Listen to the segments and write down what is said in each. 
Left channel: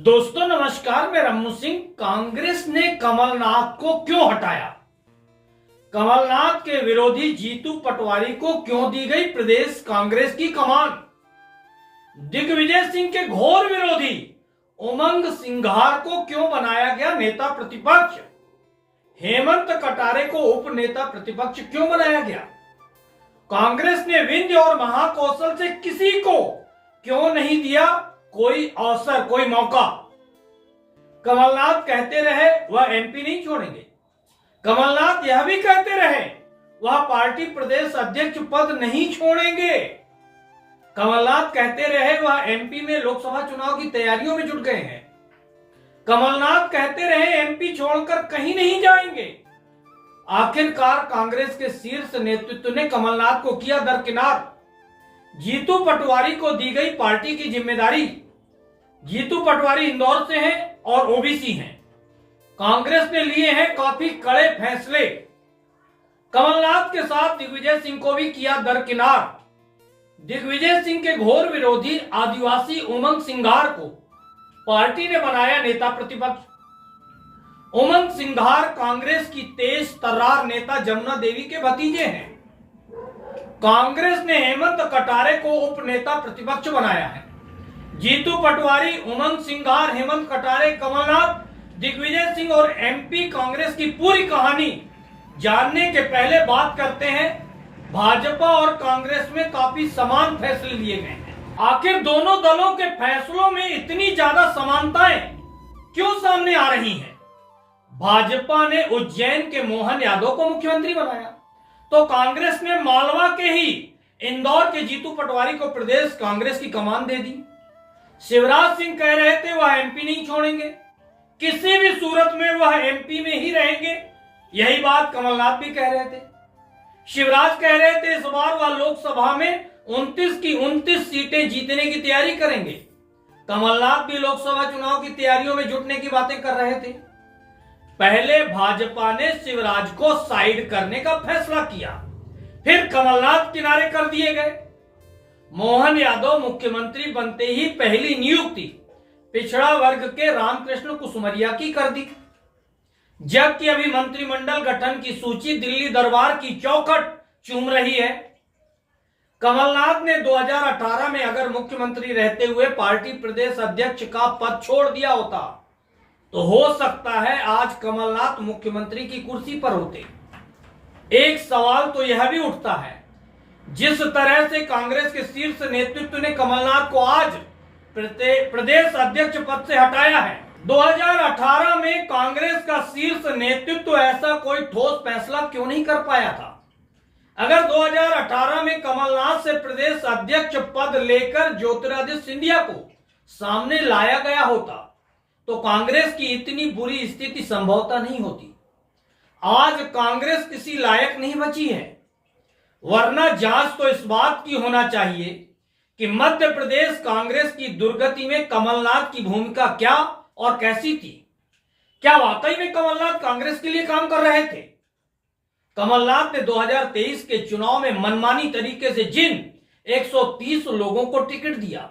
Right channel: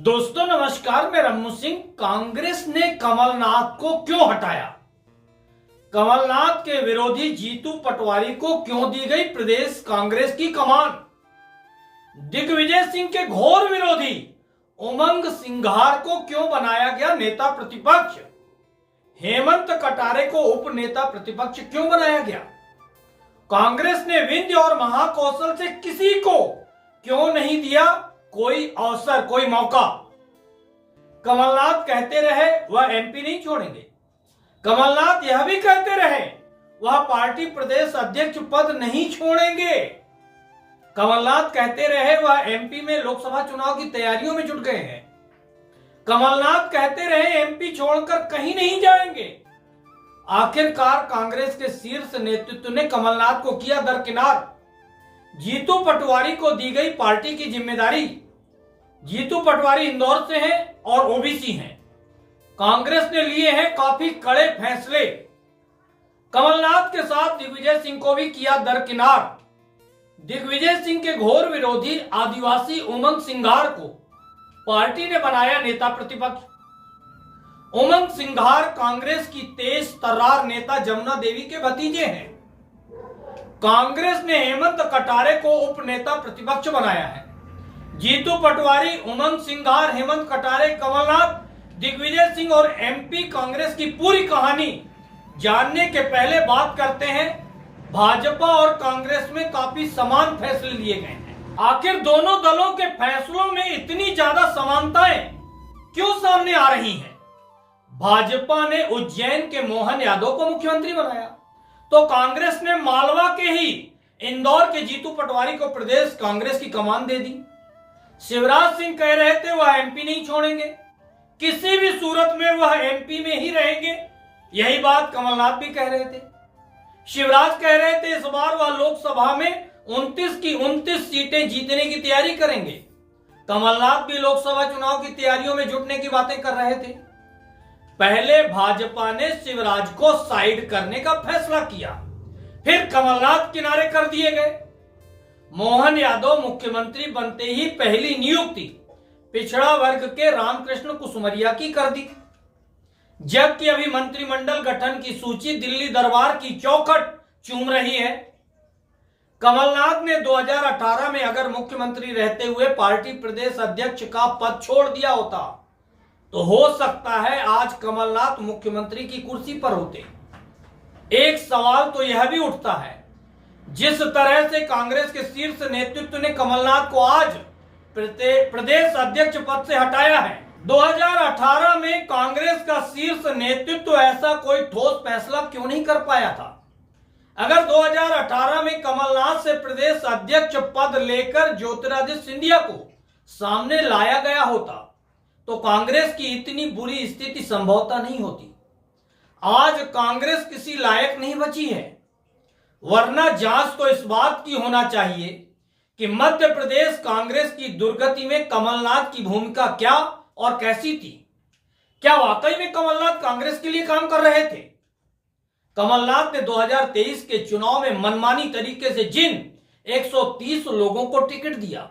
दोस्तों नमस्कार, मैं रम्मू सिंह। कांग्रेस ने कमलनाथ को क्यों हटाया? कमलनाथ के विरोधी जीतू पटवारी को क्यों दी गई प्रदेश कांग्रेस की कमान? दिग्विजय सिंह के घोर विरोधी उमंग सिंघार को क्यों बनाया गया नेता प्रतिपक्ष? हेमंत कटारे को उप नेता प्रतिपक्ष क्यों बनाया गया? कांग्रेस ने विंध्य और महाकौशल से किसी को क्यों नहीं दिया कोई अवसर, कोई मौका? कमलनाथ कहते रहे वह एमपी नहीं छोड़ेंगे। कमलनाथ यह भी कहते रहे वह पार्टी प्रदेश अध्यक्ष पद नहीं छोड़ेंगे। कमलनाथ कहते रहे वह एमपी में लोकसभा चुनाव की तैयारियों में जुट गए हैं। कमलनाथ कहते रहे एमपी छोड़कर कहीं नहीं जाएंगे। आखिरकार कांग्रेस के शीर्ष नेतृत्व ने कमलनाथ को किया दरकिनार। जीतू पटवारी को दी गई पार्टी की जिम्मेदारी। जीतू पटवारी इंदौर से हैं और ओबीसी हैं। कांग्रेस ने लिए हैं काफी कड़े फैसले। कमलनाथ के साथ दिग्विजय सिंह को भी किया दरकिनार। दिग्विजय सिंह के घोर विरोधी आदिवासी उमंग सिंघार को पार्टी ने बनाया नेता प्रतिपक्ष। उमंग सिंघार कांग्रेस की तेज तर्रार नेता जमुना देवी के भतीजे हैं। कांग्रेस ने हेमंत कटारे को उप नेता प्रतिपक्ष बनाया है। जीतू पटवारी, उमंग सिंघार, हेमंत कटारे, कमलनाथ, दिग्विजय सिंह और एमपी कांग्रेस की पूरी कहानी जानने के पहले बात करते हैं भाजपा और कांग्रेस में काफी समान फैसले लिए गए हैं। आखिर दोनों दलों के फैसलों में इतनी ज्यादा समानताएं क्यों सामने आ रही हैं? भाजपा ने उज्जैन के मोहन यादव को मुख्यमंत्री बनाया तो कांग्रेस ने मालवा के ही इंदौर के जीतू पटवारी को प्रदेश कांग्रेस की कमान दे दी। शिवराज सिंह कह रहे थे वह एमपी नहीं छोड़ेंगे, किसी भी सूरत में वह एमपी में ही रहेंगे। यही बात कमलनाथ भी कह रहे थे। शिवराज कह रहे थे इस बार वह लोकसभा में 29 की 29 सीटें जीतने की तैयारी करेंगे। कमलनाथ भी लोकसभा चुनाव की तैयारियों में जुटने की बातें कर रहे थे। पहले भाजपा ने शिवराज को साइड करने का फैसला किया, फिर कमलनाथ किनारे कर दिए गए। मोहन यादव मुख्यमंत्री बनते ही पहली नियुक्ति पिछड़ा वर्ग के रामकृष्ण कुसुमरिया की कर दी, जबकि अभी मंत्रिमंडल गठन की सूची दिल्ली दरबार की चौखट चूम रही है। कमलनाथ ने 2018 में अगर मुख्यमंत्री रहते हुए पार्टी प्रदेश अध्यक्ष का पद छोड़ दिया होता तो हो सकता है आज कमलनाथ मुख्यमंत्री की कुर्सी पर होते। एक सवाल तो यह भी उठता है, जिस तरह से कांग्रेस के शीर्ष नेतृत्व ने कमलनाथ को आज प्रदेश अध्यक्ष पद से हटाया है, 2018 में कांग्रेस का शीर्ष नेतृत्व ऐसा कोई ठोस फैसला क्यों नहीं कर पाया था? अगर 2018 में कमलनाथ से प्रदेश अध्यक्ष पद लेकर ज्योतिरादित्य सिंधिया को सामने लाया गया होता तो कांग्रेस की इतनी बुरी स्थिति संभवतः नहीं होती। आज कांग्रेस किसी लायक नहीं बची है, वरना जांच तो इस बात की होना चाहिए कि मध्य प्रदेश कांग्रेस की दुर्गति में कमलनाथ की भूमिका क्या और कैसी थी। क्या वाकई में कमलनाथ कांग्रेस के लिए काम कर रहे थे? कमलनाथ ने 2023 के चुनाव में मनमानी तरीके से जिन 130 लोगों को टिकट दिया,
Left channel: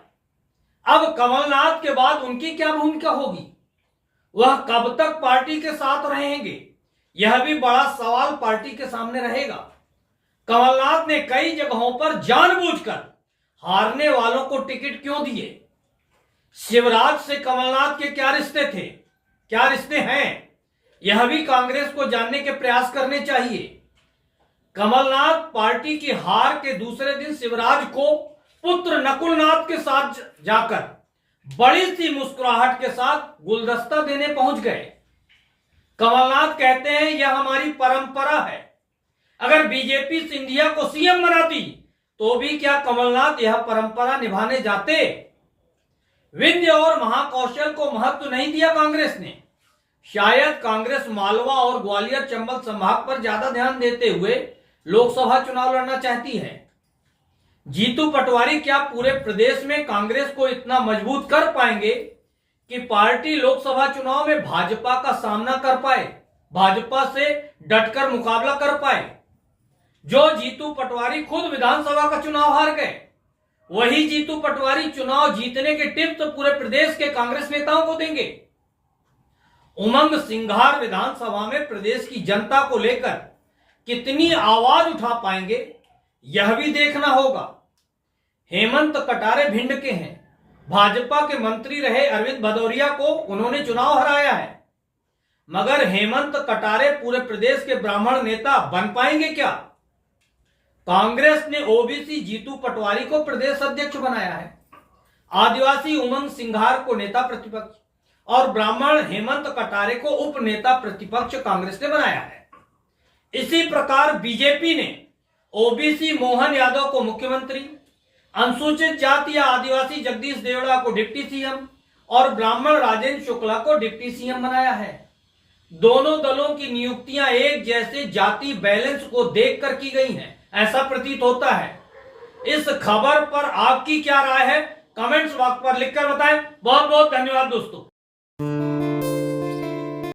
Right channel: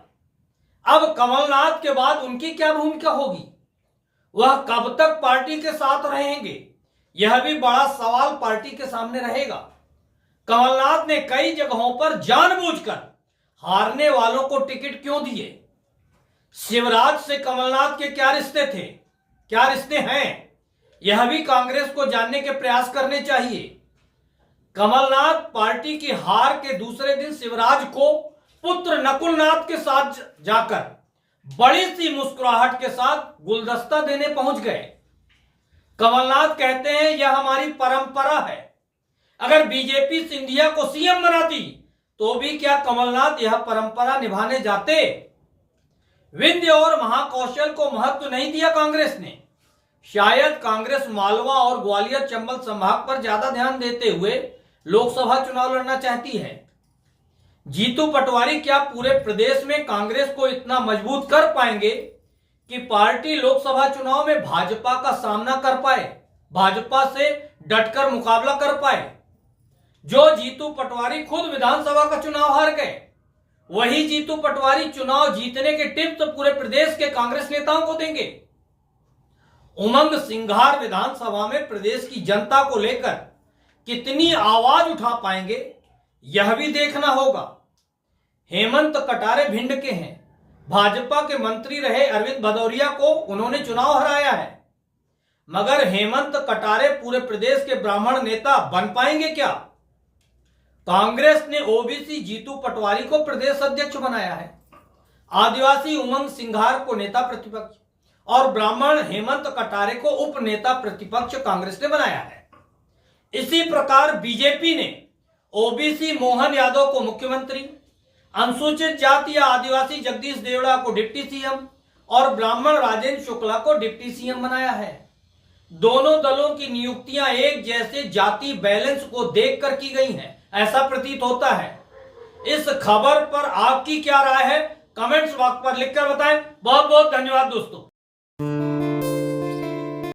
अब कमलनाथ के बाद उनकी क्या भूमिका होगी? वह कब तक पार्टी के साथ रहेंगे? यह भी बड़ा सवाल पार्टी के सामने रहेगा। कमलनाथ ने कई जगहों पर जानबूझकर हारने वालों को टिकट क्यों दिए? शिवराज से कमलनाथ के क्या रिश्ते थे, क्या रिश्ते हैं? यह भी कांग्रेस को जानने के प्रयास करने चाहिए। कमलनाथ पार्टी की हार के दूसरे दिन शिवराज को पुत्र नकुलनाथ के साथ जाकर बड़ी सी मुस्कुराहट के साथ गुलदस्ता देने पहुंच गए। कमलनाथ कहते हैं यह हमारी परंपरा है। अगर बीजेपी सिंधिया को सीएम बनाती तो भी क्या कमलनाथ यह परंपरा निभाने जाते? विंध्य और महाकौशल को महत्व नहीं दिया कांग्रेस ने। शायद कांग्रेस मालवा और ग्वालियर चंबल संभाग पर ज्यादा ध्यान देते हुए लोकसभा चुनाव लड़ना चाहती है। जीतू पटवारी क्या पूरे प्रदेश में कांग्रेस को इतना मजबूत कर पाएंगे कि पार्टी लोकसभा चुनाव में भाजपा का सामना कर पाए, भाजपा से डटकर मुकाबला कर पाए? जो जीतू पटवारी खुद विधानसभा का चुनाव हार गए, वही जीतू पटवारी चुनाव जीतने के टिप्स पूरे प्रदेश के कांग्रेस नेताओं को देंगे। उमंग सिंघार विधानसभा में प्रदेश की जनता को लेकर कितनी आवाज उठा पाएंगे, यह भी देखना होगा। हेमंत कटारे भिंड के हैं। भाजपा के मंत्री रहे अरविंद भदौरिया को उन्होंने चुनाव हराया है, मगर हेमंत कटारे पूरे प्रदेश के ब्राह्मण नेता बन पाएंगे क्या? कांग्रेस ने ओबीसी जीतू पटवारी को प्रदेश अध्यक्ष बनाया है, आदिवासी उमंग सिंघार को नेता प्रतिपक्ष और ब्राह्मण हेमंत कटारे को उप नेता प्रतिपक्ष कांग्रेस ने बनाया है। इसी प्रकार बीजेपी ने ओबीसी मोहन यादव को मुख्यमंत्री, अनुसूचित जाति या आदिवासी जगदीश देवड़ा को डिप्टी सीएम और ब्राह्मण राजेंद्र शुक्ला को डिप्टी सीएम बनाया है। दोनों दलों की नियुक्तियां एक जैसे जाति बैलेंस को देखकर की गई हैं, ऐसा प्रतीत होता है। इस खबर पर आपकी क्या राय है? कमेंट्स बॉक्स पर लिखकर बताएं। बहुत बहुत धन्यवाद दोस्तों।